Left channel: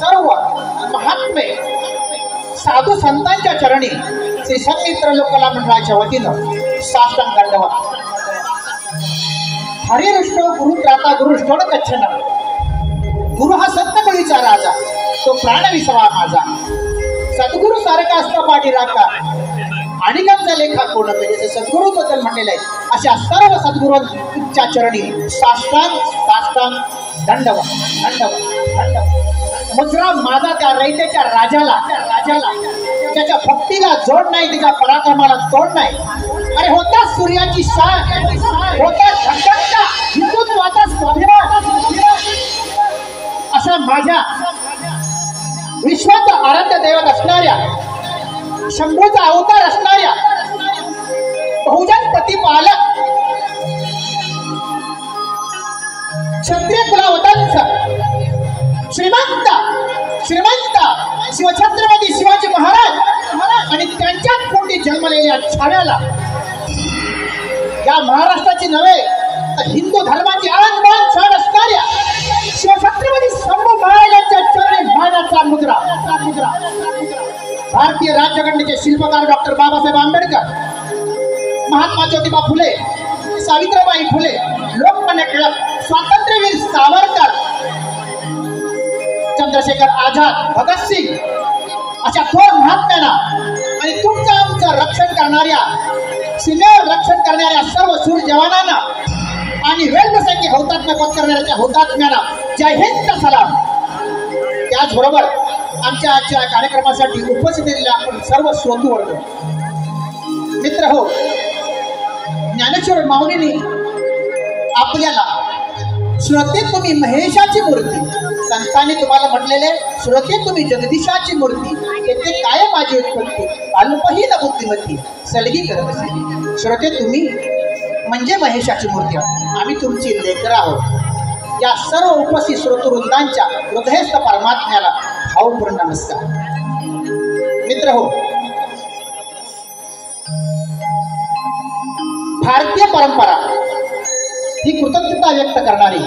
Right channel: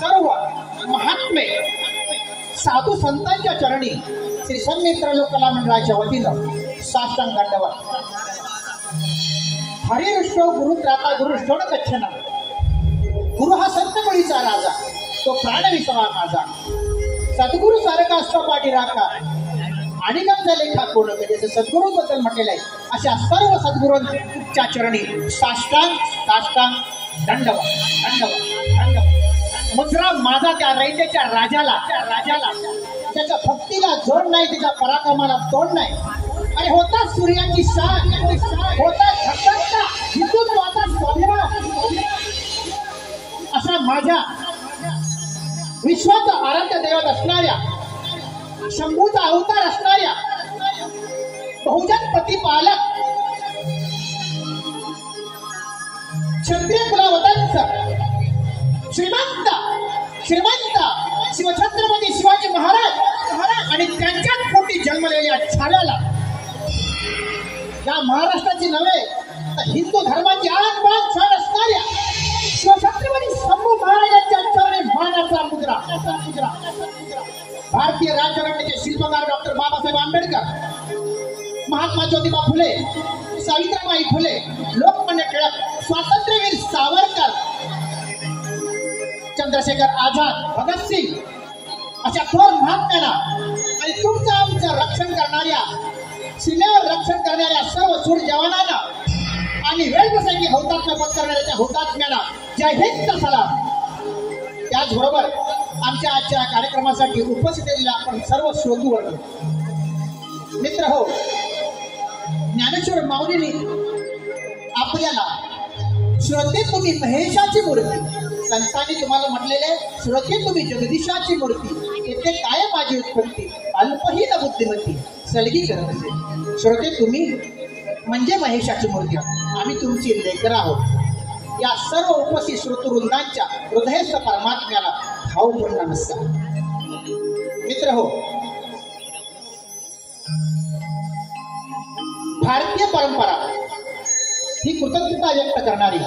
सर्व महात्मे साधू संतांच्या चरणी श्री संमित्र लोककला मंडळाच्या वतीनं साष्टांग दंडवत. हरिरुष्टो गुरु त्राता गुरुष्टोड गच्छन. गुरु हा सत्तकळीचा राजा, तो प्राण विसावा माझा. सद्गुरु सारखा असता पाठी राखा, अनेकांचा लेखा कोण जसे सद्गुरू बद्दल म्हटलेले आहे. अशा सर्व सद्गुरूंच्या चरणी साष्टांग साष्टांग दंडवत दंडवत दंडवत. मुद्रा माझा त्या रयतेच्या राजाला त्याच्या भक्तीला जोड नाही, त्याच्या पराक्रमाला तोड नाही. अरे होता सूर्याची शान, होता झटकता हिंदुत्वाचा स्वाभिमान. असा माझ्या विश्वाचा आराध्य दैवत असणाऱ्या, शंभूचा अवतार असणाऱ्या, बहुजन प्रतिपालक क्षत्रिय कुलावतांचा श्रीमंत शिवछत्रपती शिवाजी महाराज आणि त्यांच्याच पोटी जन्मलेल्या छाव्याला या महाराष्ट्राची नव्हे तर हिंदू धर्माची आणबाण शान असणाऱ्या शिवछत्रपती शंभू महाराजांच्या चरणी मानाचा मुद्रा. भारतीय राज्यघटनेचे शिल्पकार डॉक्टर बाबासाहेब आंबेडकर, महात्मा ज्योतिबा फुले, सावित्रीबाई फुले, लोकमान्य टिळक, स्वातंत्र्यवीर सावरकर, चंद्रशेखर आझाद, भगतसिंग अशा थोर महात्म्यांना आणि तुमचं आमचं रक्षण करणाऱ्या, सीमेवर रक्षण करणाऱ्या सर्व शूर जवानांना आणि वेळप्रसंगी हौतात्म्य पत्करणाऱ्या हौतात्म्यांना जय हिंद सलाम. त्याचबरोबर आमच्या आजच्या कार्यक्रमासाठी उपस्थित असलेल्या आपण सर्व श्रोतू वर्ग मित्र हो, ज्ञानेश्वर माऊलींनी आपल्याला श्रोते तुम्ही महेशाची मूर्ती, संतांनी तुम्हाला म्हटलेले श्रोते तुम्ही जगदीशाची मूर्ती, येथे काय माझी उत्पत्ती, अल्पहीन बुद्धिमती सलगी करत असे. श्रोते तुम्ही म्हणजे महेशाची मूर्ती, आम्ही तुमची लेकरं आहोत. या सर्व उपस्थित श्रोतृवृंदांच्या हृदयस्थ परमात्म्याला भावपूर्ण नमस्कार. मित्र हो, भारतीय परंपरा ही कृतज्ञता व्यक्त करणारी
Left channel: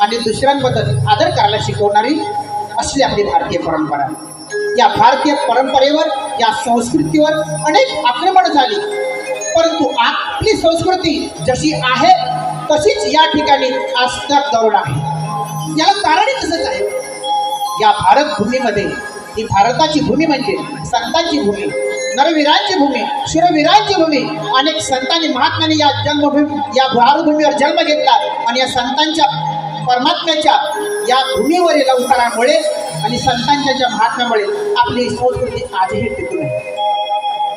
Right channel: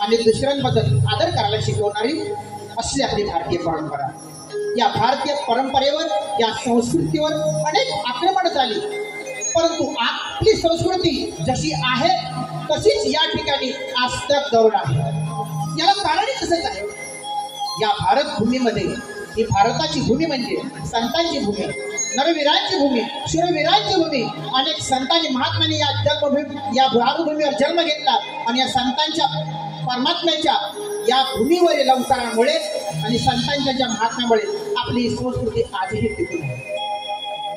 आणि दुसऱ्यांबद्दल आदर करायला शिकवणारी असली आपली भारतीय परंपरा. या भारतीय परंपरेवर, या संस्कृतीवर अनेक आक्रमण झाली, परंतु आपली संस्कृती जशी आहे तशीच या ठिकाणी आजतक धरून आहे. याला कारणही तसंच आहे. या भारत भूमीमध्ये, ही भारताची भूमी म्हणजे संतांची भूमी, नरवीरांची भूमी, शूरवीरांची भूमी. अनेक संतांनी महात्म्यांनी या जन्मभूमी, या भारतभूमीवर जन्म घेतला आणि या संतांच्या परमात्म्याच्या या भूमीवरील अवतारामुळे आणि संतांच्या ज्या महात्म्यामुळे आपली संस्कृती आजही टिकून आहे.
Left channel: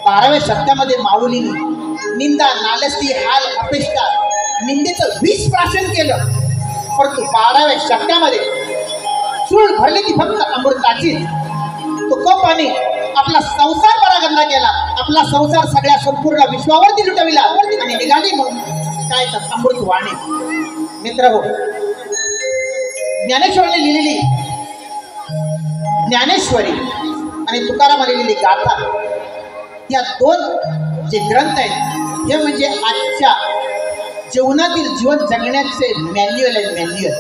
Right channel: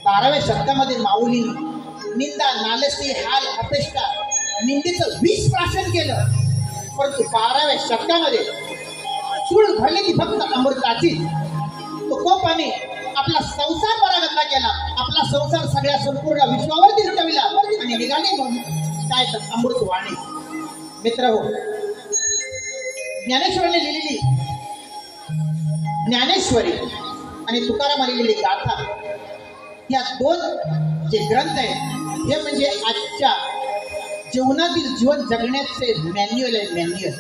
12व्या शतकामध्ये माऊलींनी निंदा, नालस्ती, हाल, अपेष्टा, निंदेचं विष प्राशन केलं, परंतु 12व्या शतकामध्ये चूळ भरली ती फक्त अमृताची. तो कोपाने आपला संसार परागंदा केला, आपला संसार सगळ्या संपूर्ण विश्वावरती लुटविला आणि निघाली मग काय तर अमृत वाणी. मित्र हो, ज्ञानेश्वरांनी लिहिलेली ज्ञानेश्वरी आणि तुकारामांनी लिहिलेली गाथा, या दोन जे ग्रंथ आहेत हे म्हणजे आजच्या जीवनातील जीवन जगण्याचे मॅन्युअल आहे. मॅन्युअल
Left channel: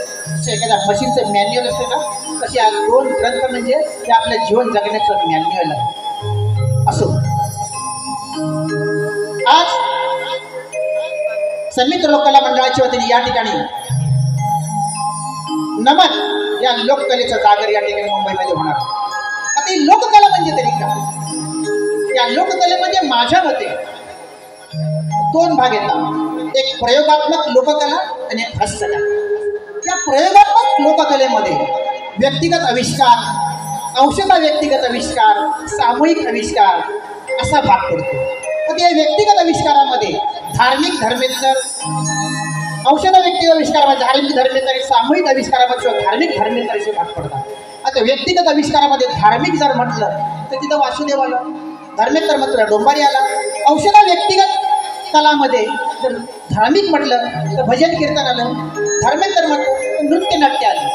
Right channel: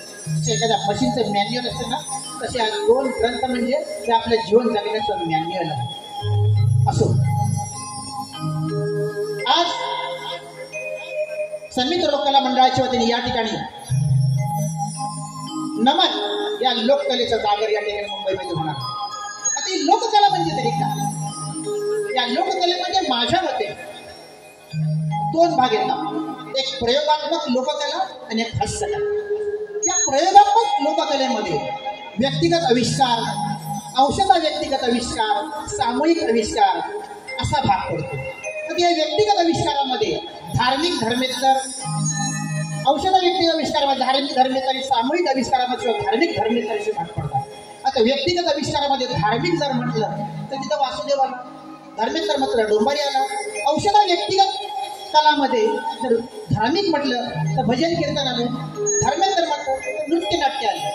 एखाद्या मशीनचं मॅन्युअल असते ना, तसे या दोन ग्रंथ म्हणजे ते आपलं जीवन जगण्याचं मॅन्युअल आहे. असो, आज संमित्र लोककला मंडळाच्या वतीने या ठिकाणी नमन या लोककलेचा जागर या ठिकाणी मुंबईमध्ये होणार. आता ही लोककला म्हणजे तरी काय? या लोककलेमध्ये माझ्या मते दोन भाग येतात. एक प्रयोगात्मक लोककला आणि एक हास्यकला. या प्रयोगात्मक लोककलेमध्ये व्यक्तिगत आविष्कार, अंशतः व्यक्तिगत आविष्कार, सामूहिक आविष्कार असा भाग पडतो. तर या व्यक्तिगत आविष्कारामध्ये धार्मिक धर्मेतर, अंशतः व्यक्तिगत आविष्कारामध्ये धार्मिक धर्मेतर आणि सामूहिक आविष्कारामध्ये धार्मिक धर्मेतर असे भाग पडतात. आता व्यक्तिगत आविष्कारामध्ये धार्मिक जर म्हटलं तर तिथं वासुदेव आलं, धर्मेतर म्हटलं डोंबारी आला. अंशतः व्यक्तिगत कलामध्ये जर धार्मिक म्हटलं तर भजन कीर्तन आलं, धर्मेतर म्हटलं तर नृत्य नाट्य आलं.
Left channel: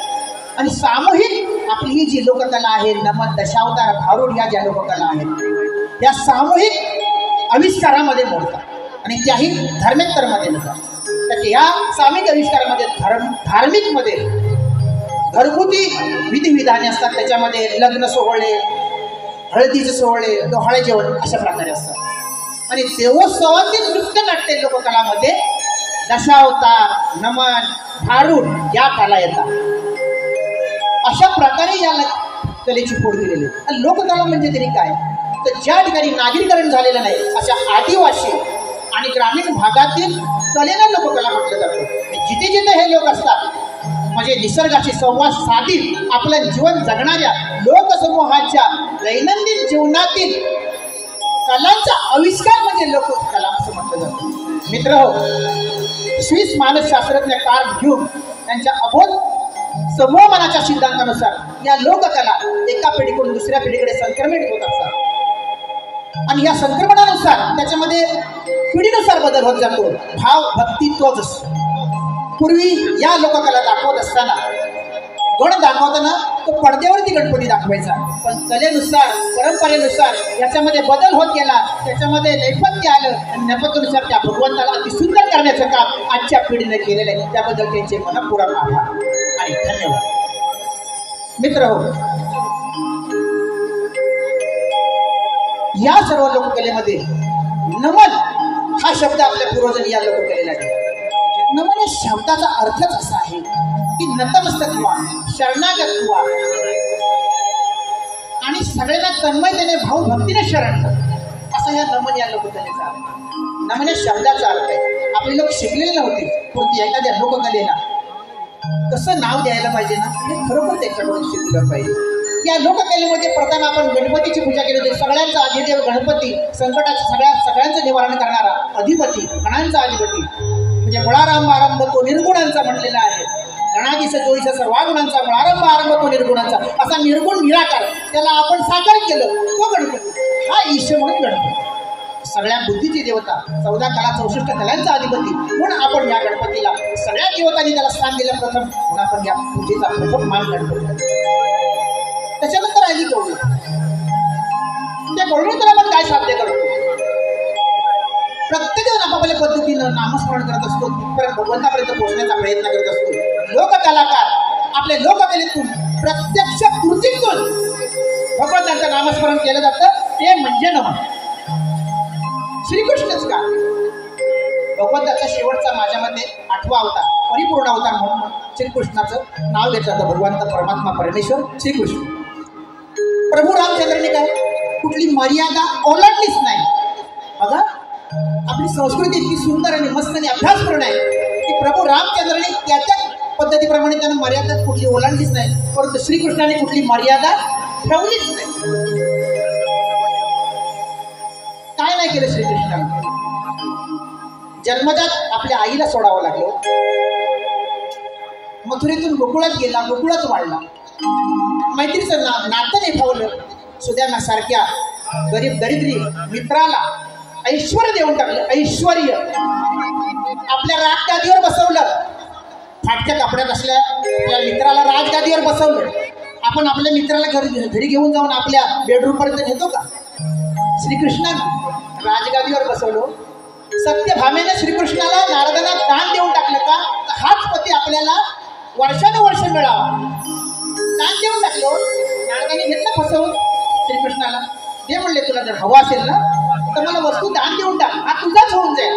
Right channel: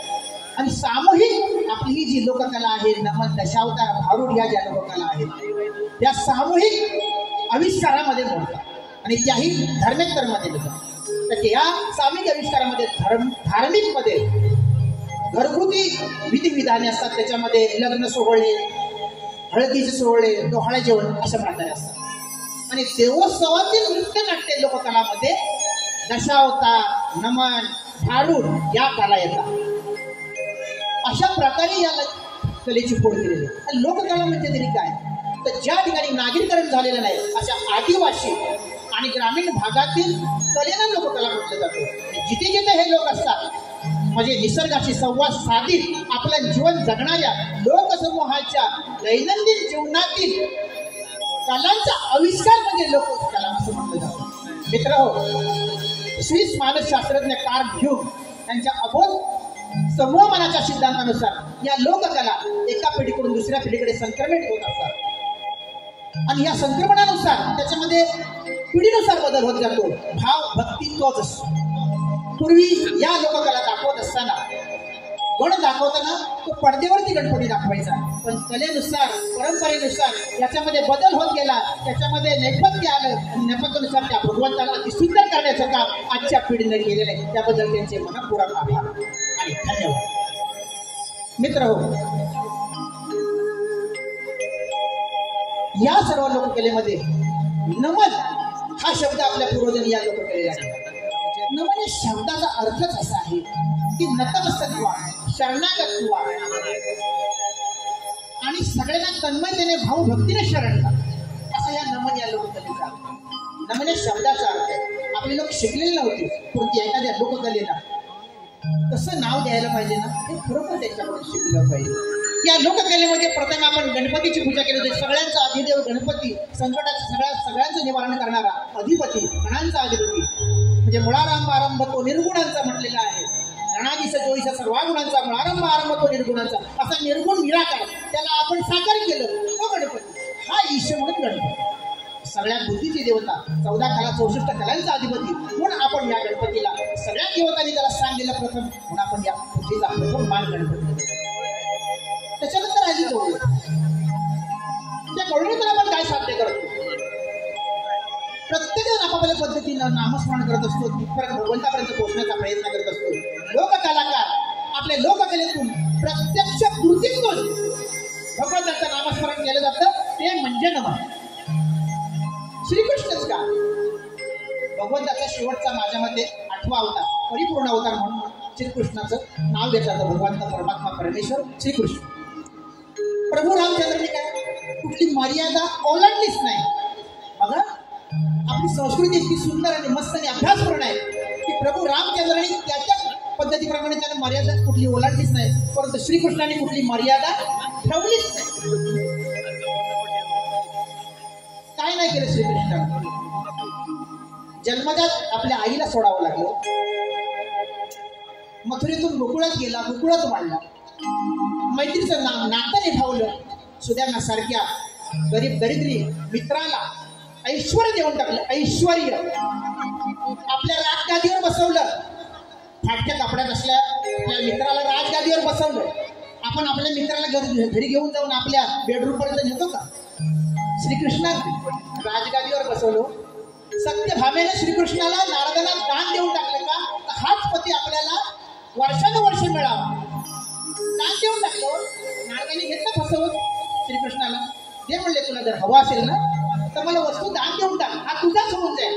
आणि सामूहिक आपली ही जी लोककला आहे, नमन, दशावतार, भारूड या ज्या लोककला आहेत या सामूहिक आविष्कारामध्ये मोडतात आणि त्याही धर्मेतरमध्ये येतात. तर या सामूहिक आविष्कारामध्ये धार्मिकमध्ये घरगुती विधिविधाने असतात, त्याच्यामध्ये लग्न सोहळे, हळदीचे सोहळे, डोहाळे जेवण अशा प्रकारे असतात. आणि देवोत्सवातील नृत्यनाट्य लोककलामध्ये दशावतार, नमन, भारूड या कला येतात. अशा प्रकारे या कलेची फोड दिलेली. आणि लोककला म्हणजे तरी काय, तर ज्या ठिकाणी नागरीकरण झालेलं नाही अशा आदिवासी आणि ग्रामीण भागातील कलेला लोककला म्हटलं जातं. जिथे जिथे हे लोक असतात म्हणजे निसर्गाशी संवाद साधित आपलं जीवन जगणाऱ्या लोकसमूहाच्या दैनंदिन जीवनातील कलांचा आविष्कार म्हणजे लोककला असं म्हटलं जातं. मित्र हो, स्विस मानसशास्त्रज्ञ कार्ल युंग यांच्या अबोध समूह मनाच्या सिद्धांतानुसार या लोककला एका पिढीकडून दुसऱ्या पिढीकडे संक्रमित होत असतात. आणि या संक्रमणानुसार त्याच्यामध्ये पिढीनुसार बदल होत जातो. भाव भक्ती तोच असतो. पूर्वी या लोककला दाखवत असताना गण दाखवताना तो पडद्यावरती गणपती दाखवायचा, पण कलेनुसार परंपरेनुसार याच्यामध्ये बदल होत गेला. त्याच्यामध्ये नैपथ्य आलं आणि नैपथ्यानुसार त्या भगवंताला अति सुंदर करण्याचं काम आजच्या पिढीने केलेलं आहे. त्याबद्दल त्यांचे मनपूर्वक आभार आणि धन्यवाद. मित्र हो, या सर्व लोककलेमध्ये नमन हा शब्द आपल्या पूर्वजांनी या लोककलेला दिला. नमन या शब्दाचा अर्थच असा आहे की नतमस्तक व्हा, शरणागत व्हा आणि सगळ्यांना तन्मयतेने भावभक्तीने शरण कर, असा या नमन या लोककलेचा अर्थ. नमन या शब्दाचा अर्थ आहे. आपले लोक शिकलेले नव्हते, परंतु एखाद्या लोककलेला कसं नाव द्यायला पाहिजे ना, हे खरोखर त्याच्याकडून शिकलं पाहिजे. या लोककलेमध्ये प्रथम आपण गणपतीची पूजा केली होती. सगळ्यांचा अधिदेव गणपती, संकटाचं सगळ्यांचं निवारण करणारा अधिपती, गणांचा अधिपती म्हणजे मुळारंभ आरंभ तो निर्गुणांचा म्हणलेला आहे. गणाधीश जोईश सर्वागुणांचा मुळारंभ आरंभ तो निर्गुणांचा, असा निर्गुण निराकार त्याला आपण साकार केलं. तो गणपती हा ईश्वर म्हणून गणपती, सगळ्या बुद्धीची देवता, 14 कला 64 कलांचा अधिपती म्हणून आपण या गणपतीला सगळ्या देवतांनी त्याला स्थान दिलं प्रथम, म्हणून आपण या पूजेचा प्रथम मान गणपतीला. त्याच्यानंतर आली गौरी. त्या गौरीतून आपण काय साध्य करतो? प्रत्येकजण आपापल्या पद्धतीनं नामस्मरण करत असतो, तिथपर्यंत भगवंतापर्यंत पोहोचण्याचा प्रयत्न करत असतो. लोककलाकार आपल्या लोककलेतून प्रत्यक्ष कृतीतून भगवंतांचं नामस्मरण केलं जातं, ते म्हणजे नमन. श्रीकृष्णच का? भगवंताचा शेवटचा माझ्या मते 8वा अवतार, परिपूर्ण अवतार म्हणून श्रीकृष्णाचं नाव घेतलं जातं. भगवंत परमात्मा परमेश्वर श्रीकृष्ण. प्रभू रामचंद्रांनी काय कुठली मर्यादा ओलांडलीच नाही. बघा, आपली संस्कृती इतकी सुंदर आणि मस्त आणि अभ्यासपूर्ण आहे की प्रभू रामचंद्रांनी त्याच्या पद्धतीप्रमाणे त्यानं मर्यादा कुठली ओलांडलीच नाही, परंतु श्रीकृष्णाने कुठली मर्यादा ठेवलीच नाही. काय नाही केलं श्रीकृष्णाने? जन्मजात आपल्या आईला सोडावं लागलं, मथुरेतून गोकुळात गेला, गोकुळात वाढला, मैत्रीचं नातं निभावलं, सुदाम्यासारख्या गरीब दरिद्री मित्राला ऐश्वर्य देऊन टाकलं. ऐश्वर्य आपल्या राजगादीवर बसवलं. फाटक्या कपड्यात असल्या आपल्या मित्राला राजगादीवर बसवलं. आपण आपल्या मित्राला घरी घेऊन जाऊन आपल्या बेडरूम पर्यंत नेतो का? श्रीकृष्णाने राजगादीवर बसवलं. सत्यभामेने श्रीकृष्णाला नारदांना दान देऊन टाकलं का? हाच पती आपल्याला वर्षानुवर्ष मिळावा, दान देऊन टाकलं. नारदाने घेतलं फसवून श्रीकृष्णाला. दे म्हणले, तुला जर हवं असेल ना तर मला वस्तू दान देऊन टाक, हा तुझाच होऊन जाईल.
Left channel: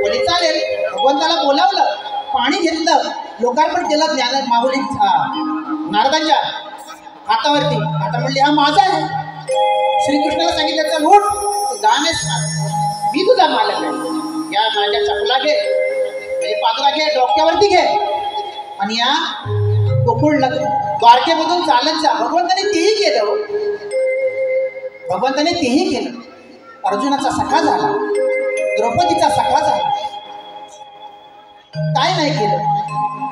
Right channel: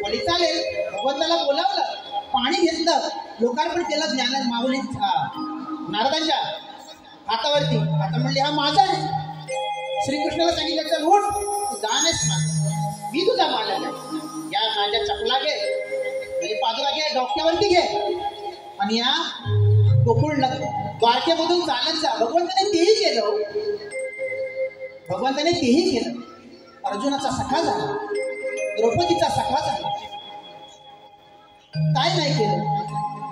बोली चालेल. भगवंताला बोलावलं, पाणी घेतलं, लोकार्पण केलं ज्ञान माऊली नारदांच्या हातावरती. आता म्हणले, हा माझा आहे. श्रीकृष्णाला सांगितलं, चल उठ, तू दानच मी तुझा मालक आहे. या माझ्या चपला घे, पादला घे, डोक्यावरती घे आणि या गोकुळ द्वारकेमधून चालत जा. भगवंताने तेही केलं. भगवंताने तेही केलं. अर्जुनाचा सखा झाला, द्रौपदीचा सखा झाला. काय नाही केलं?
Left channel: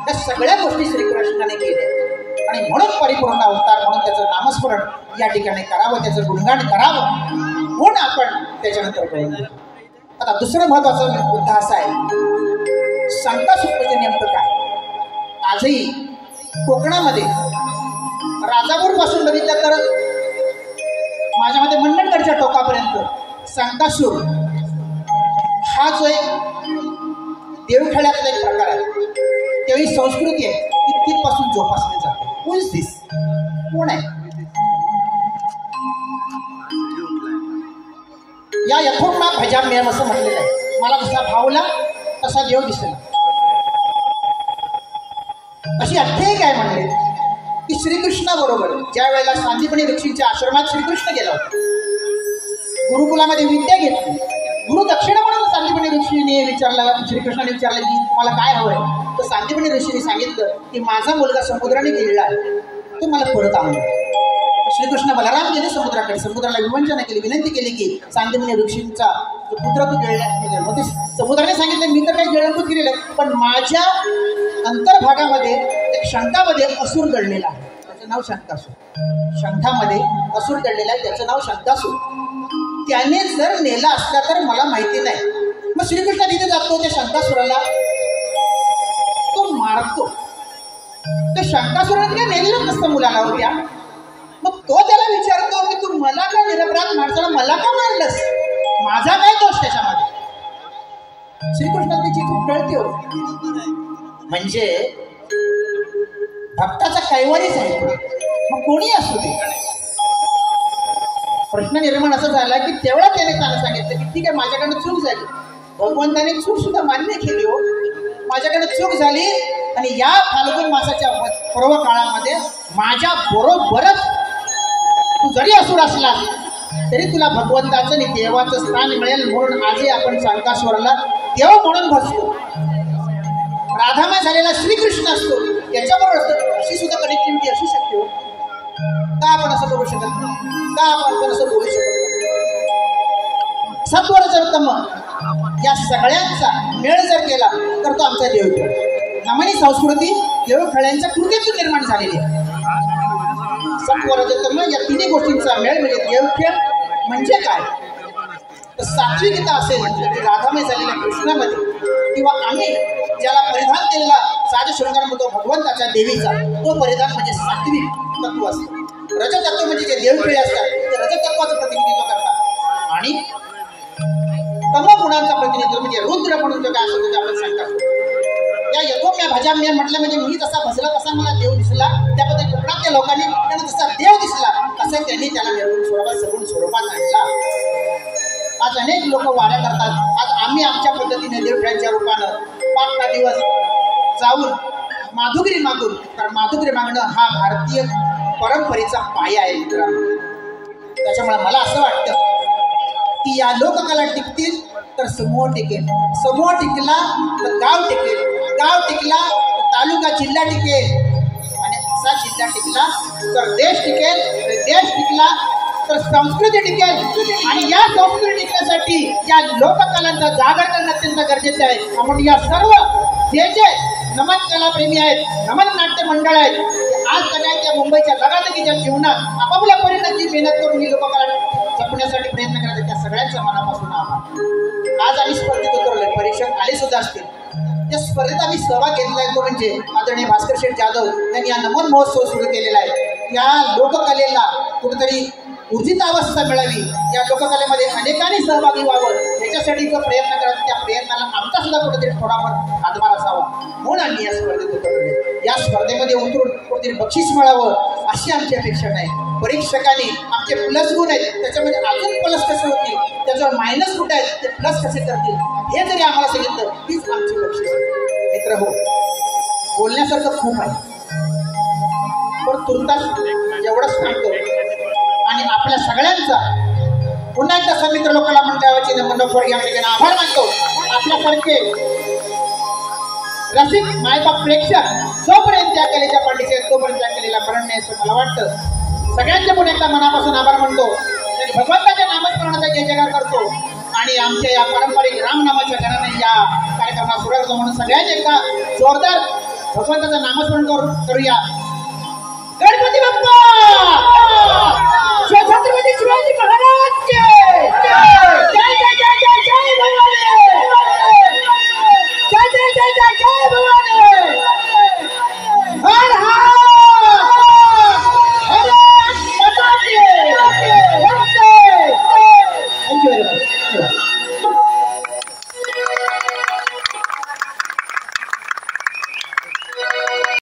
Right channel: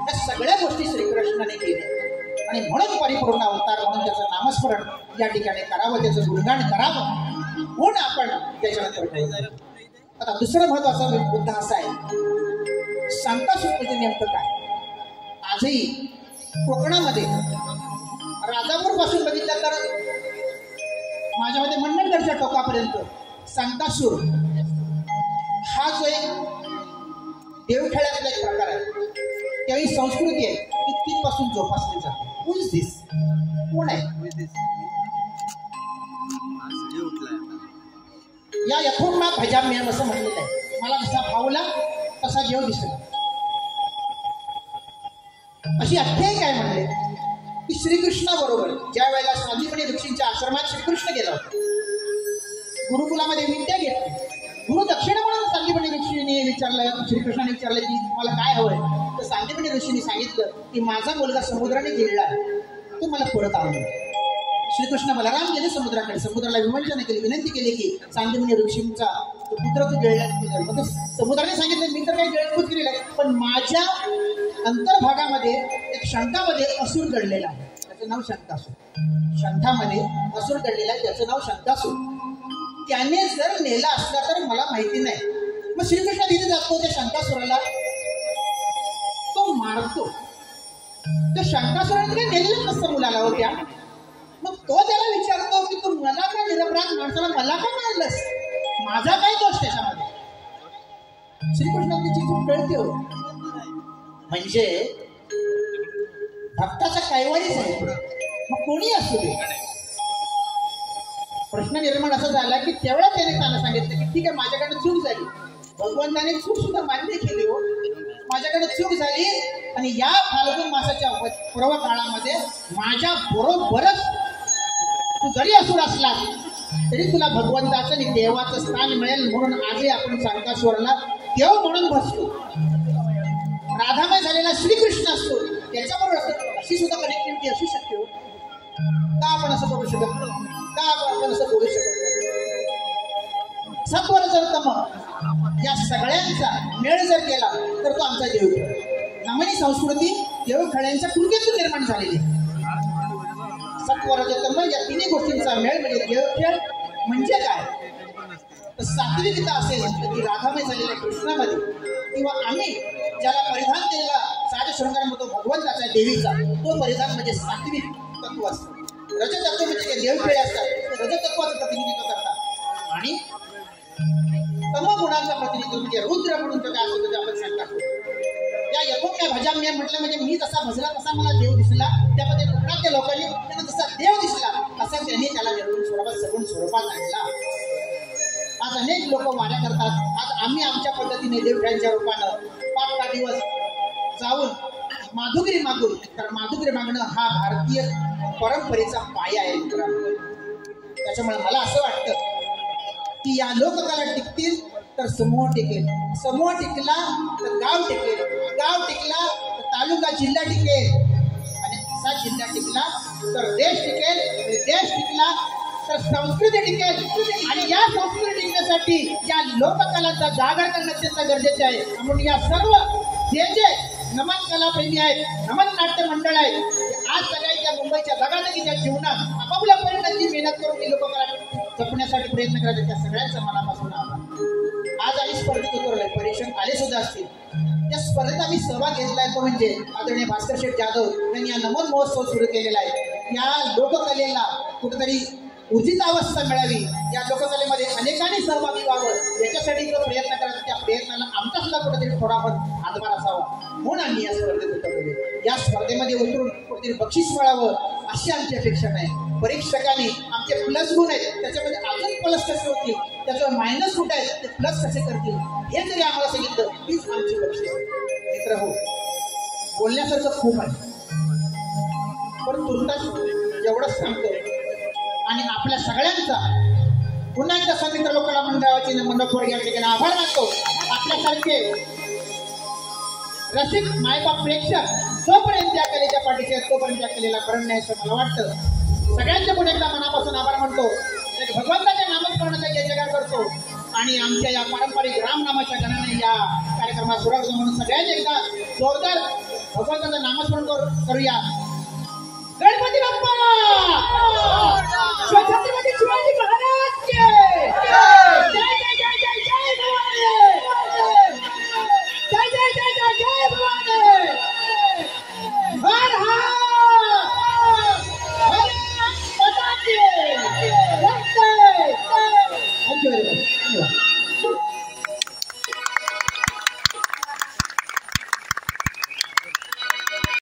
त्या सगळ्या गोष्टी श्रीकृष्णाने केल्या आणि म्हणून परिपूर्ण अवतार म्हणून त्याचं नामस्मरण या ठिकाणी करावं, त्याचं गुणगान करावं म्हणून आपण त्याच्यानंतर कळलं. आता दुसरं महत्वाचा मुद्दा असा आहे, संकासुर म्हणजे नेमकं काय? आजही कोकणामध्ये राजापूर पासून बघितलं तर माझ्या मते मंडणगडच्या टोकापर्यंत संकासुर हा जो एक देवखेळ्यातला एक प्रकार आहे, तेही संस्कृती आहे ती तिथपासून जोपासली जाते. हु इज दिस? कोण आहे? या यथोक्ता भजाम्यम असं म्हटलेलं आहे. मला जसा भावला तसा देव दिसला. अशी अख्यायिका आहे म्हणले की श्रीकृष्णाबरोबर ज्या वेळेला सांदीपनी ऋषींच्या आश्रमात श्रीकृष्ण गेला होता, गुरुकुलामध्ये विद्या घेतली. गुरु दक्षिणा म्हणून सांदीपनी ऋषीने विचारलं, श्रीकृष्णाने विचारलं की मला काय हवंय? तर सांदीपनी ऋषीने सांगितलं की माझा मुलगा समुद्राने गिळला आहे, तो मला परत आणून. श्रीकृष्ण बलराम गेले समुद्राकडे, समुद्राला विवंचना केली, विनंती केली की सांदीपनी ऋषींचा पुत्र तू गिळला. मग समुद्राने सांगितलं मी तर काही गिळंभूत केलेलं आहे, पण माझ्या अंतर्भागामध्ये एक शंखामध्ये असुर दडलेला आहे, त्याचं नाव शंखासूर. शंखामध्ये असुर दडलेला आहे, त्याचं नाव शंखासूर. त्याने जर नेला असला तर मला माहिती नाही. मग श्रीकृष्ण तिथे जातो, त्या शंखासुराला तो मारतो. त्या शंखासुराने काय नेलेलं नसतं मुलाला होत्या. मग तो त्याला विचारतो की तू मला का निरपराध माणसाला मला का मारलंस? माझा काय दोष त्याच्यामध्ये? श्रीकृष्णाला त्याची चूक कळते हो. म्हणजे भक्ताचा कैवारीच आहे. मग कोणी असू दे. प्रश्न निर्माण असा झाला की तेवढा त्याने त्याला सांगितलं की ठीक आहे, माझ्याकडनं चूक झाली. भगवंताने चूक सुद्धा मान्य केली हो. माझ्याकडे चूक झाली आणि या फाल्गुन मासाच्या पर्व काळामध्ये माझ्या बरोबरच तू जरी असुर असला तरी तुला भगवंताचं आणि देवाचं स्थान मिळेल, म्हणून आजही आपण शंखासुराला देव म्हणून बसतो. राधामा झालेला श्रीकृष्ण असतो, त्याच्याबरोबर असतो. अशी सुद्धा कनेक्टिव्हिटी असू शकते हो. का आपण असं करू शकत नाही? का आपण असं बोलू शकत नाही? सत्वरजतम या सगळ्यांचा मेळ जर केला तर तो आमचा देवखेळ. नमनी संस्कृती देवखेळ्यांच्या कृतीतून निर्माण झालेली आहे. सत्वरजतम या तिन्ही गोष्टींचा मेळ म्हणजे देवखेळ. म्हणजे काय? तर सात्विकता असेल तर ती राधामय झालेल्या कृष्णामध्ये, किंवा आम्ही ज्याला परिधान केलेला साज शृंगार म्हणतो भगवंताच्या देवीचा, तो परिधान म्हणजे सात्विक तत्व असतं. रजतत्व म्हणजे जे देवखेळे असतात ते रजतत्वाचं प्रतिनिधित्व करतात. आणि तमगुणांचा प्रतिनिधित्व म्हणजे रुद्र म्हणून जो काय असतो ते आपण सांगतो. त्या यथोम्या भजाम्य म्हटलं म्हणजे मी जसा भजला तसा मला देव दिसला. त्यामध्ये कोकणातल्या लोकांनी त्यांना जसा देव दिसला तसे त्यांनी त्याला निर्गुण स्वरूपात सगुण स्वरूपात आणला. आज अनेक लोक वाऱ्या करतात. आज आम्ही आमच्या पद्धतीने देवखेळ्यांच्या रूपानं 5 दिवस जाऊन माधुगिरी मागून, कारण माधुगिरी मागणं हा भारतीय परंपरेचा पाया आहे मित्रांनो. त्याच्यामुळे मला असं वाटतं की या लोककला टिकतील तर समूह टिकेल, समूह टिकला तर गाव टिकेल, गाव टिकला तर तालुका जिल्हा टिकेल, आणि असा जिल्हा टिकला तर देश टिकेल, देश टिकला तर संस्कृती टिकेल. आणि या संस्कृती टिकण्यासाठी या लोककलांचा जागर करणं अत्यंत गरजेचं आहे. म्हणून या सर्व जे नमन कलाप्रेमी आहेत, नमन नाट्य मंडळ आहेत, आज सगळ्यांच्या मुंबईच्या धगाधकीच्या जीवनात आपापल्या परिणाची मेहनत करून ही लोककला जपण्यासाठी प्रयत्न करायचे, त्या सगळ्यांच्या मनापासून आभार. आज आम्ही स्पर्धेत उतरलोय, परीक्षक आले सुद्धा असतील. त्या स्पर्धेत आम्ही सहभाग घेतला आहे तो म्हणजे आदरणीय भास्कर शेठ जाधव यांनी हा नमन महोत्सव सुरू केलेला आहे. या लोककलेला कुठेतरी ऊर्जित अवस्था मिळावी, या लोककलेमध्ये अनेकांनी सहभागी व्हावं, याच्यासाठी जो प्रयत्न करायचा त्या प्रयत्नाला आमचा सुद्धा कुठेतरी थोडाफार हातभार असावा, म्हणून आम्ही या स्पर्धेत उतरलोय. या स्पर्धेमध्ये उतरून कुठेतरी बक्षीस मिळावं अशी आमची अपेक्षा नाही. परीक्षकांनी आमचे प्लस गुण आहेत त्याच्यामध्ये अजून प्लस कसे होतील, त्याच्यावर मायनस कुठे आहेत ते प्लस कसे करतील, हे जरी आम्हाला सांगितलं तीच आमची बक्षीस. मित्र हो, बोलण्यासारखं खूप आहे, पण तुर्तास एवढंच सांगतो. आणि आपल्या सगळ्यांचा पुन्हा एकदा समित्र लोकांना मंडळाचे मनोपर या ठिकाणी आभार मानतो. आपल्यासारखे रसिक मायबाप प्रेक्षक जोपर्यंत त्या कलेच्या पाठीचे तोपर्यंत त्या कलेला मरण नाही असं मला वाटतं. सगळ्यांचे पुन्हा एकदा मनापासून आभार मानतो. भगवंताच्या नामस्मरणाचा जय जयकार करतो आणि आमच्या या पारंपरिक रामनामाच्या गणाने या कार्यक्रमात सुरुवात म्हणून सगळ्यांनी एकदा जोरदार भगवंताचं नामस्मरण करूया. गणपती बाप्पा, छत्रपती शिवाजी महाराज.